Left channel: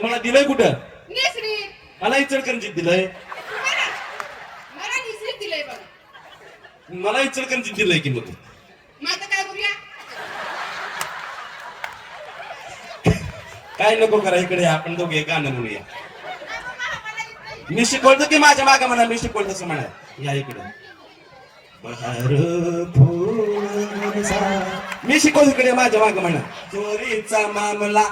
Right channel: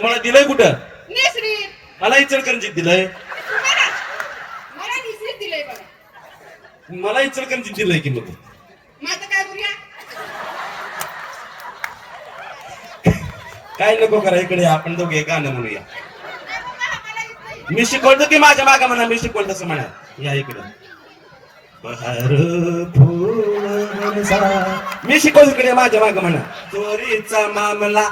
तुम्हाला दिलंय कुठं? निसरीत मला इचलकरंजीत दिलंय. मला मला निसरीत दिलंय बघा. मला इचलकरंजीत दिलंय की मग मग आता काय करूया? काय नको करा, इकडे आपण दोघे गाणं म्हणूया. मला येत नाही. मी शिकवतो की माझ्या मागा म्हणा, मी शिकवलं तसं म्हणा. या इकडं. बहार फूल बरसा. मी शिकवतो इकडे माझ्या मागा म्हणा. चोरीचा मामला